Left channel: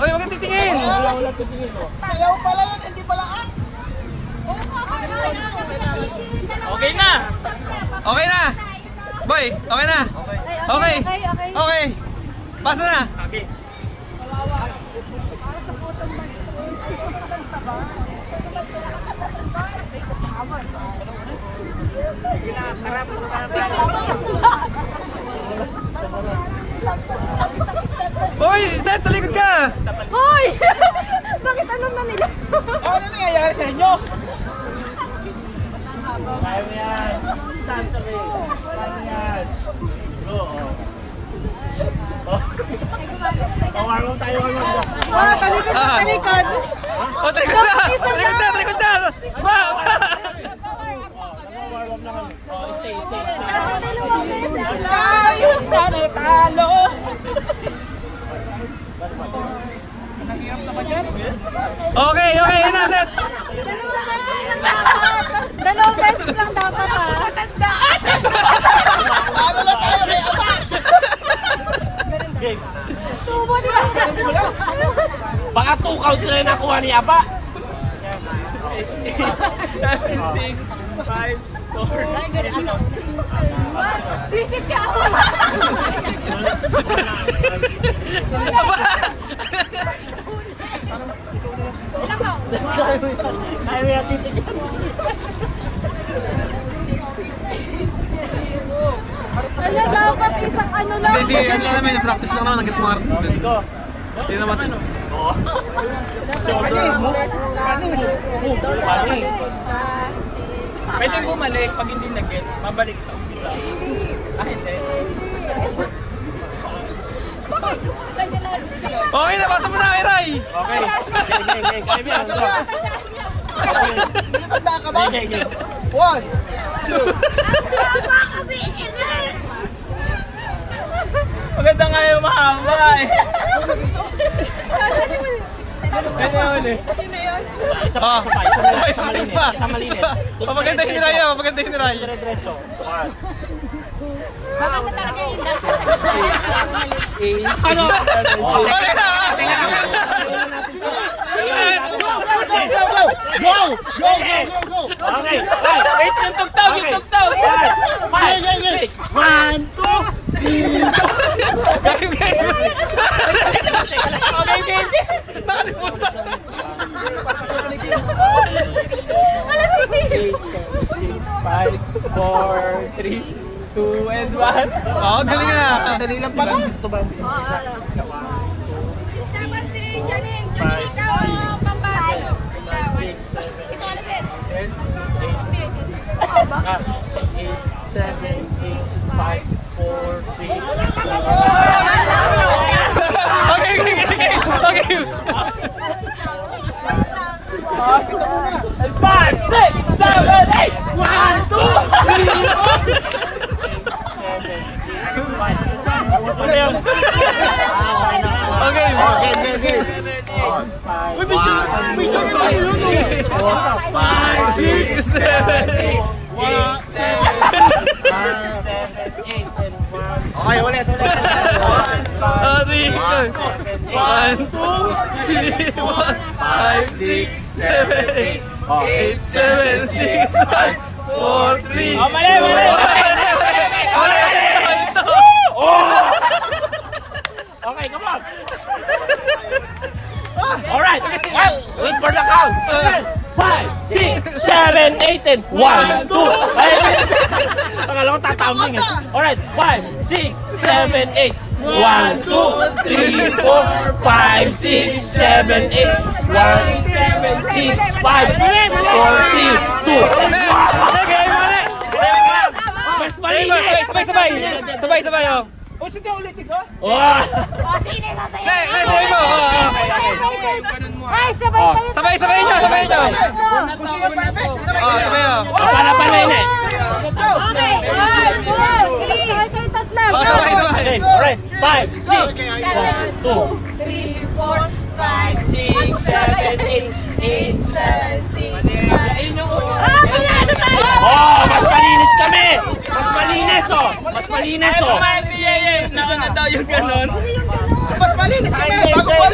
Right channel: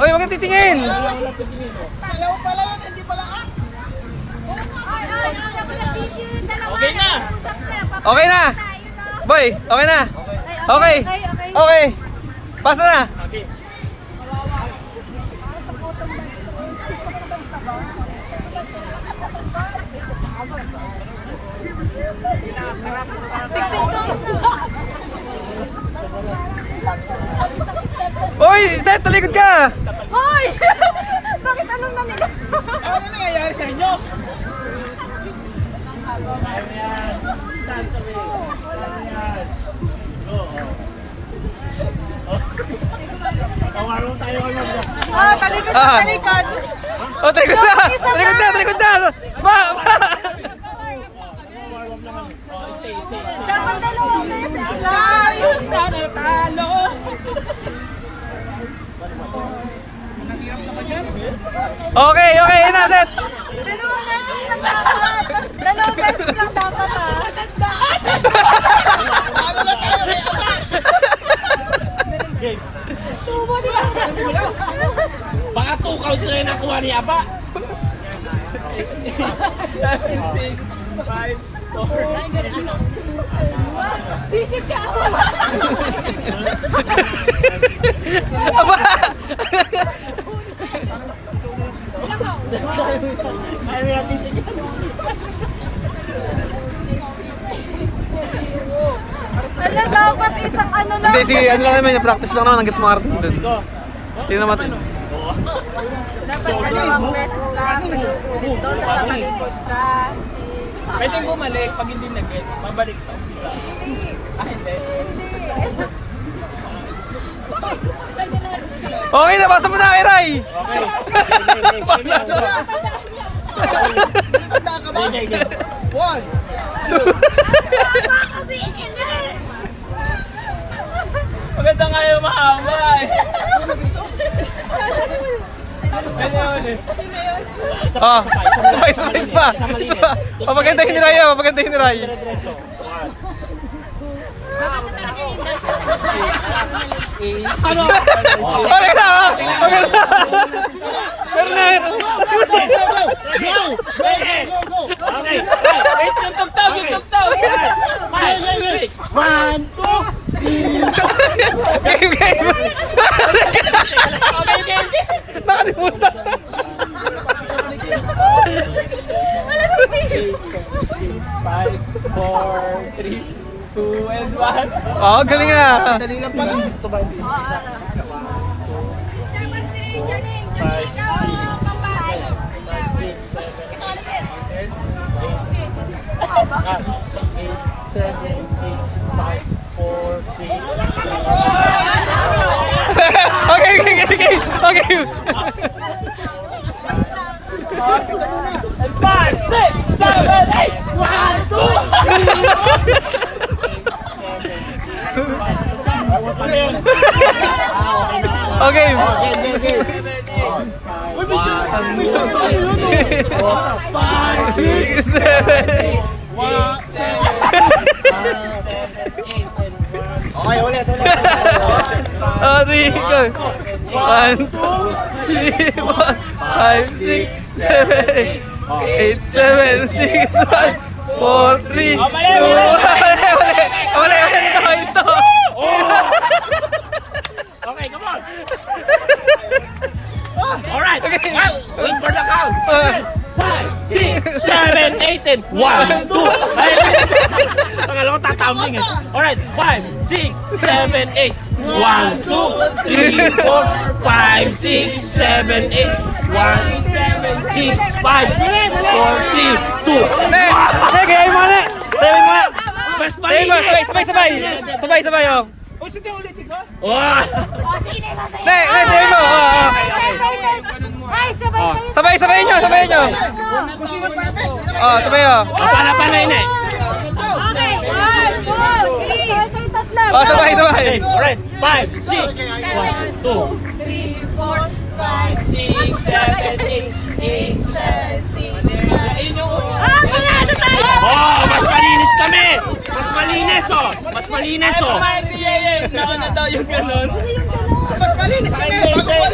Oy, wag kang titingin. Sayaw pala yun, hindi pala ang. Okay na. Okay na. Boy, okay na. Okay. Okay. Basta na. Okay. Oy, Seth, talikod ka. Hoy! Bakit anong nangyari? Ano nangyayari sa inyo? Tawarong tayo ngayon. Talikod! Oh, talikod na. Talikod na, talikod na. Ba. Tayo nanatalo! Okay, okay, yun na, Seth. Dalawang beses lang dapat matandaan! Ano na tayo may apa? Tubo, di ba? Baka 2 counts na yung nakuha ni Aba. 7, 6, 5, 4. Visit ka ako! Aba. Ay, may natitigyan. Ano dapat isang ano lang? Hindi, sige, ano lang naman yung practice lang naman ng gitmar dun. Tingnan naman. Pwede bumalik pag hindi nag-get. Mabalik sa umpisa. Hindi. Okay na, basta mo na kay Ray. Okay. Tanda ka ba? 1, 2. Maganda nga yung mahaba eh. Ganyan eh. Ah, sabay pa. Papagandahin ni Ray, papagandahin ni Ray. Diretso. Maganda talaga yung dance sa Ano? Okay na, okay na. Bernard! Go! Go! Go! Okay. Wait, yung tugtog, yung tugtog. 5, 6. 1, 2, 3. Game, game. Okay, game. Nakalimutan. 5, 4, 3, 2, and 1. Oh, galing na. Dali lang pala. Ito ba yung isa? 5, 6, 7, 8, 7, 8, 8, 7, 6, 5, 4, 3, 2, 1. Okay, okay, okay. Okay. 5, 6, 7, 8, 1, 2. Okay. Game. 5, 6, 7, 8. Okay, ulit. Oh, 3, 1, 2, 3, 4, 5, 6, 7, 8, 7, 6, 5, 4, 3, 2, 1. Ulit, ito. Okay, come on. Alright, well, wait for the count. 5, 6, 7, 8, and 1, 2. Pangalawa tataming. Alright, 5, 6, 7, 8. 1, 2, 3, 4, 5, 6, 7, 8. 1, 6, 5, 4, 3, 2. Gaya mo na. Gaya mo na. Mas malinis. Sabay, oh. O, sige, ulitin ko. Wow. Gaya mo. Sabay nyo. Oh, sabay, oh. Para yun eh. Oh, sabay. Alright, 5, 6, 1, 2, 3, 4, 5, 6, 7, 8, 7, 6, 5. oh, mas malinis kami! Mas malinis, oh! Mas malinis, oh! Nauna daw yung ganun. Mas malinis kami. Bago ko